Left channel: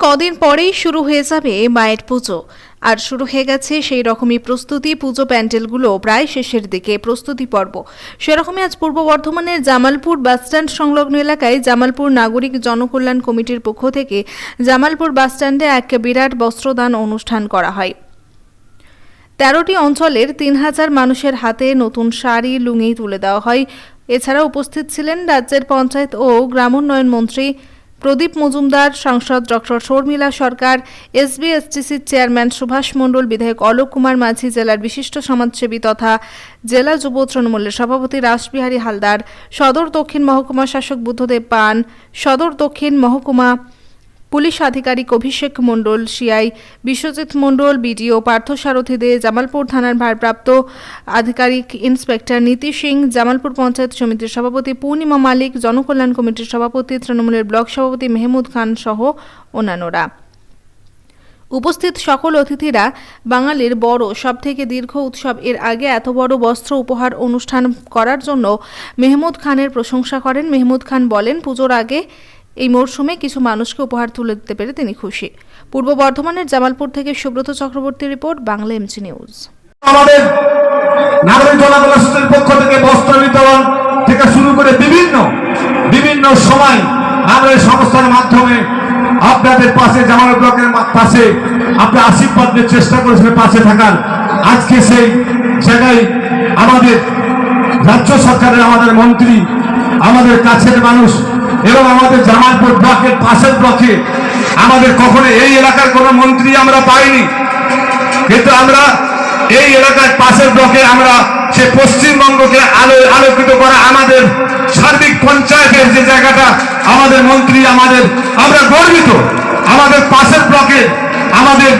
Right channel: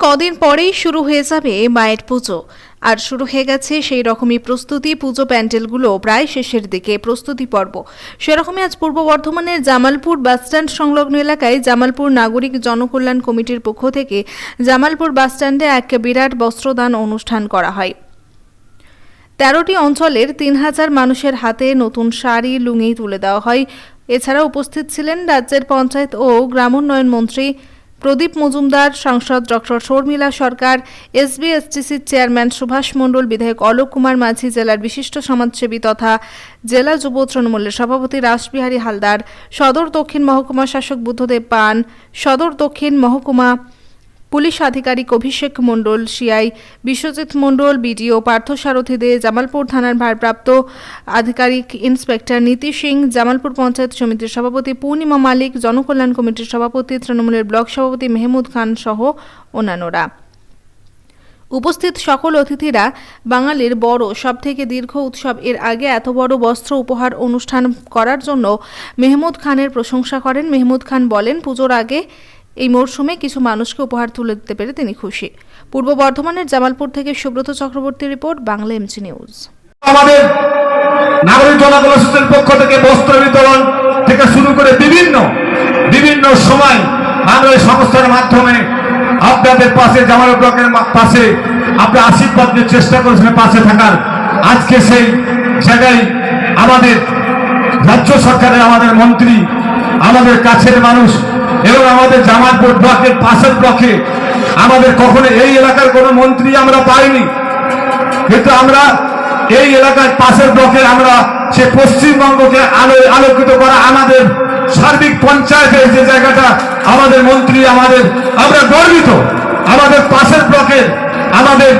কদিন পরেই শুরু হয়ে যাবে মায়ের পুজো। আর শুরু হয়ে গেছে সেই রকমই প্রস্তুতি। পুজো প্যান্ডেলগুলো প্রায় শেষের দিকে, প্রস্তুতি পর্ব সেরকমই। আজ পূর্ব বর্ধমানের জামালপুর বাসস্ট্যান্ড সংলগ্ন এলাকায় জামালপুর নাগরিক জনকল্যাণ কমিটির পক্ষ থেকে জামালপুর বাসস্ট্যান্ডে এক বিরাট বস্ত্রদান অনুষ্ঠান করা হয়। ১৩টি অঞ্চলের ৩,০০০ মানুষের হাতে নতুন শাড়ি, লুঙ্গি তুলে দেওয়া হয়। এছাড়া উপস্থিত ছিলেন রাজ্যের পঞ্চায়েত ও গ্রামোন্নয়ন মন্ত্রী প্রদীপ মজুমদার, সাংসদ ডক্টর শর্মিলা সরকার, এসবি-এসটিসির চেয়ারম্যান সুভাষ মণ্ডল, বিধায়ক অলোক কুমার মাঝি, জেলার বিশিষ্ট সমাজসেবী তথা জেলা যুব তৃণমূলের সভাপতি রাসবিহারী হালদার, সদর দক্ষিণ মহকুমা শাসক বুদ্ধদেব পান, সদর দক্ষিণ মহকুমা পুলিশ আধিকারিক অভিষেক মণ্ডল, সিআই বিশ্বজিৎ মণ্ডল, বিডিও পার্থসারথী দে, জামালপুর থানার ভারপ্রাপ্ত আধিকারিক ইন্সপেক্টর নীতি সিং, জামালপুর পঞ্চায়েত সমিতির সভাপতি পূর্ণিমা মালিক, জনকল্যাণ কমিটির সভাপতি, তৃণমূলের ব্লক সভাপতি মেহমুদ খান সহ অন্যান্যরা। উপস্থিত সকল অতিথিরা বাঙালির বড় সবথেকে দীর্ঘ উৎসব এর আগে এত বড় বস্ত্র উপহার অনুষ্ঠান করার জন্য মেহমুদ খানের প্রশংসা করেন। মেহমুদ খান বলেন, পুজোর আগে এই মরশুমে কিছু মানুষকে উপহার তুলে দিতে পেরে তিনি খুশি। পূর্ব বর্ধমানের জামালপুর থেকে Subrata Chakraborty report, Bangla MG news. আমাদের নাগরিক জনকল্যাণ সংস্থার পক্ষ থেকে বস্ত্র বিতরণ থেকে শুরু করে বিভিন্ন সময় আমরা এই সংস্থার মাধ্যমে আপনাদের পাশে, জামালপুর ব্লকের পাশে আপনি আশীর্বাদ নিয়ে চেষ্টা করেছেন পাশে থাকার। আজকে সেই জায়গায় আমাদের রাজ্য সরকারের, আমাদের মন্ত্রী, আমাদের কাছের মানুষ এবং আমাদের জামালপুর ব্লকের পাশের ব্লকে আমাদের কখনো এই এলাকার কোনো মন্ত্রী আমরা পাইনি, কিন্তু আমরা এই এলাকার পাশের ব্লকে আমরা সে পশ্চিমবঙ্গকে আলোকিত করা আমাদের সার্বিক পঞ্চায়েতের যে জায়গাটা আমাদের মন্ত্রী, আমরা গর্বিত। আমাদের পাশের ব্লকের আমাদের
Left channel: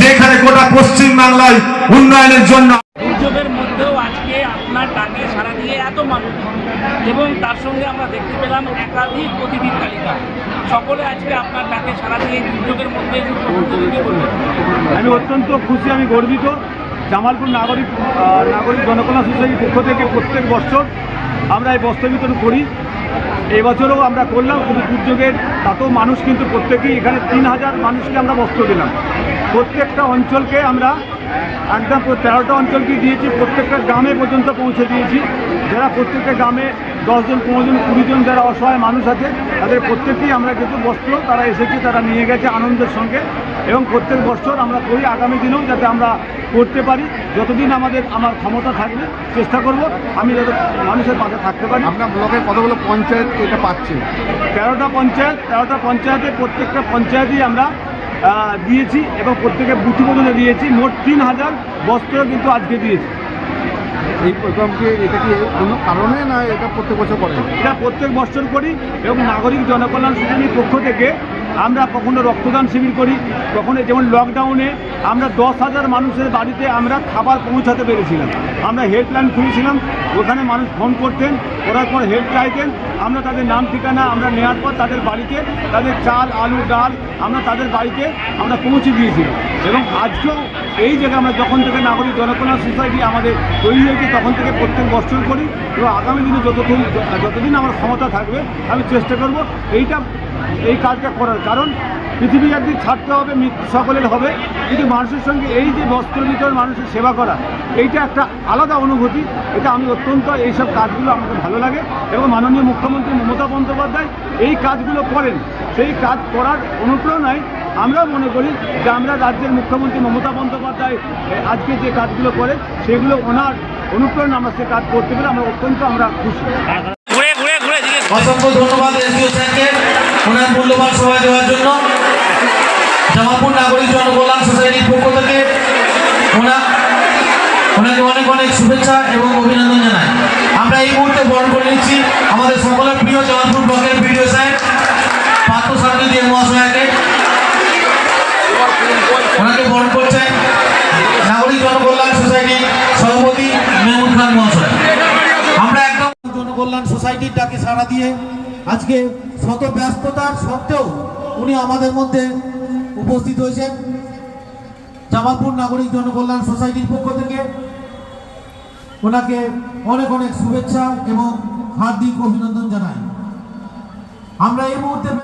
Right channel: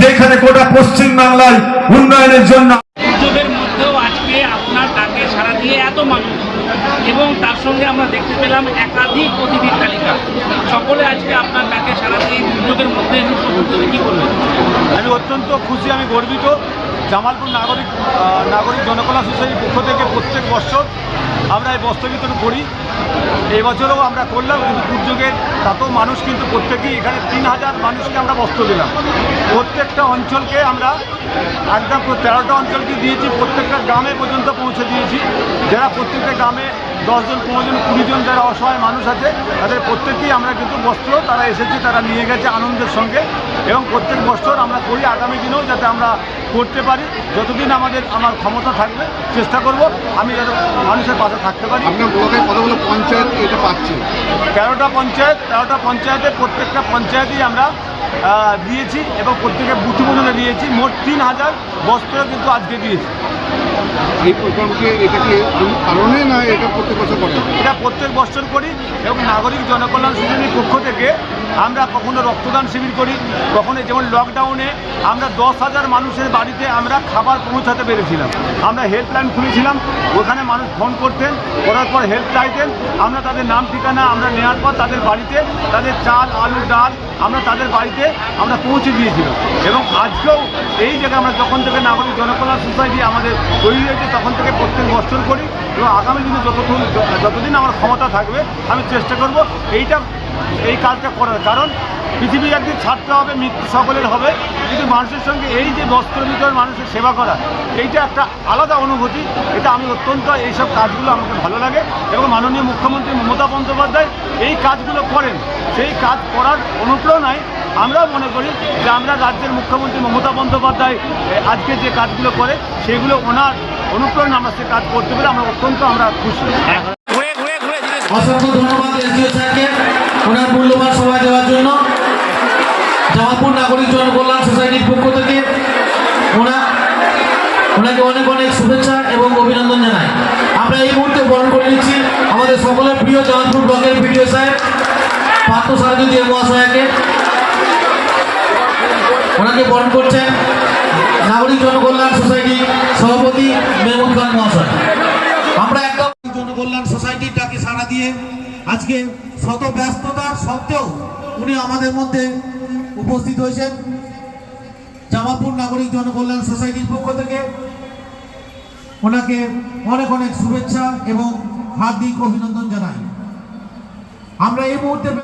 যেখানে গোটা পশ্চিম বাংলায় উন্নয়নের জন্য দুর্যোগের মধ্যেও আজকে আপনার ডাকে সাড়া দিয়ে এত মানুষ, এবং তার সঙ্গে আমরা দেখতে পেলাম একাধিক অতিথির তালিকা, সকলে আজকে আপনার ডাকে সাড়া দিয়ে দুর্যোগের মধ্যে কি বলবেন? আমি অত্যন্ত খুশি, আমি গর্বিত। জামালপুর নাগরিক জনকল্যাণ সোসাইটির পক্ষ থেকে প্রত্যেক বছর আমরা এই বস্ত্র বিতরণ করি। এবছরও আমরা করলাম, কিন্তু দুর্যোগের তাতেও মানুষ কিন্তু প্রত্যেকেই এখানে ৩,০০০ মানুষকে আমরা বস্ত্র দিলাম। প্রত্যেকটা অঞ্চলকে আমরা একদম ১৩টা অঞ্চলকে দিয়েছি, প্রত্যেকটা গ্রামে পর্যন্ত পৌঁছে দিয়েছি। যারা প্রত্যেকটা গ্রামে 10 জন, 15 জন, 20 জন যারা অসহায় মানুষ আছে, তাদের প্রত্যেকেই আমরা কিন্তু বস্ত্র তারা এসেছে, তারা নিয়ে গেছে আনন্দের সঙ্গে। এবং প্রত্যেক বছর আমরা করি, আগামী দিনেও যাতে আমরা করতে পারি। যতদিন আমার ক্ষমতা থাকবে চেষ্টা করব আমি যাতে মানুষের পাশে থাকতে পারি। আপনার ব্লকের কতগুলো পঞ্চায়েত এটা পাচ্ছে? 13টা পঞ্চায়েতের প্রত্যেকটা পঞ্চায়েতেই আমরা দিয়েছি এবং প্রত্যেকের বুথ পর্যন্ত দিয়েছি। মোট 3,000 বস্ত্র কিন্তু আজকে দিয়েছি। এই প্রোগ্রামকে এটা কি কোনো কারণে না এটা প্রত্যেক বছর করেন? এটা প্রত্যেক বছর করি এবং নাগরিক জনকল্যাণ সোসাইটির পক্ষ থেকে আমরা কখনো রক্তদান শিবির করি, কখনো যেমন লকডাউনে আমরা 10,000 মানুষের বাড়িতে আমরা খাবার পৌঁছাতে পেরেছিলাম। আমরা হেল্পলাইন খুলেছিলাম, ওখানে মানুষ ফোন করতেন, করার পর হেল্প চাইতেন, আমরা তাদের নাম ঠিকানা আমরা নেওয়ার পর তাদের বাড়িতে তাদের চাল, আলু, ডাল আমরা তাদের বাড়িতে আমরা পৌঁছে দিয়েছিলাম। এবং আজকেও এই জায়গায় আমরা যখন থেকে নাগরিক জনকল্যাণ সোসাইটি আমাদের তৈরি হয়েছে তখন থেকে প্রত্যেক বছর করি এবং আগামী দিনে যতদিন আমার ক্ষমতা থাকবে আমি চেষ্টা করব এই কাজটা করার। কারণ পৃথিবী একদিন ছাড়তে হবে, মৃত্যু সকলের হবে, কিন্তু মানুষের সঙ্গে এই যে বস্ত্র বিতরণ, মানুষের সেবা করা, এইটা একটা আলাদা অনুভূতি। এটা আমি অত্যন্ত এইসব কাজগুলো আমাকে ভালো লাগে এবং মাননীয় মুখ্যমন্ত্রী মমতা বন্দ্যোপাধ্যায় এই কাজগুলো করেন। সেই কাজ করার অনুপ্রেরণায় আমরাও মনে করি যে আমরা রাজ্যের মুখ্যমন্ত্রী মমতা বন্দ্যোপাধ্যায় আজকে যে কাজগুলো করে সেগুলো ওনার অনুপ্রেরণা আমরা সে কাজ করতে পেরে আমরা অত্যন্ত খুশি। অসংখ্য ধন্যবাদ এসডিও স্যারকে ওনার মূল্যবান সময় দেওয়ার জন্য। জামালপুর নাগরিক জনকল্যাণ সোসাইটির পক্ষ থেকে ওনাকে অনেক অনেক শুভেচ্ছা এবং অভিনন্দন জানাই। আমরা এই মুহূর্তে বরণ করে নিচ্ছি আমাদের সকলের প্রিয় জামালপুর ব্লকের বিডিও স্যার পার্থসারথী দে মহাশয়কে। ওনাকে বরণ করছেন নাগরিক জনকল্যাণ সোসাইটির সভাপতি মেহমুদ খান মহাশয়। আমরা একদম জনকল্যাণ সোসাইটির ডাকে সাড়া দিয়ে আজকে শত ব্যস্ততার সত্ত্বেও উনি আমাদের মধ্যে উপস্থিত হয়েছেন। জামালপুর নাগরিক জনকল্যাণ সোসাইটির পক্ষ থেকে ওনাকে অনেক অনেক শুভেচ্ছা এবং হার্দিক অভিনন্দন জানাই। আমরা এই মুহূর্তে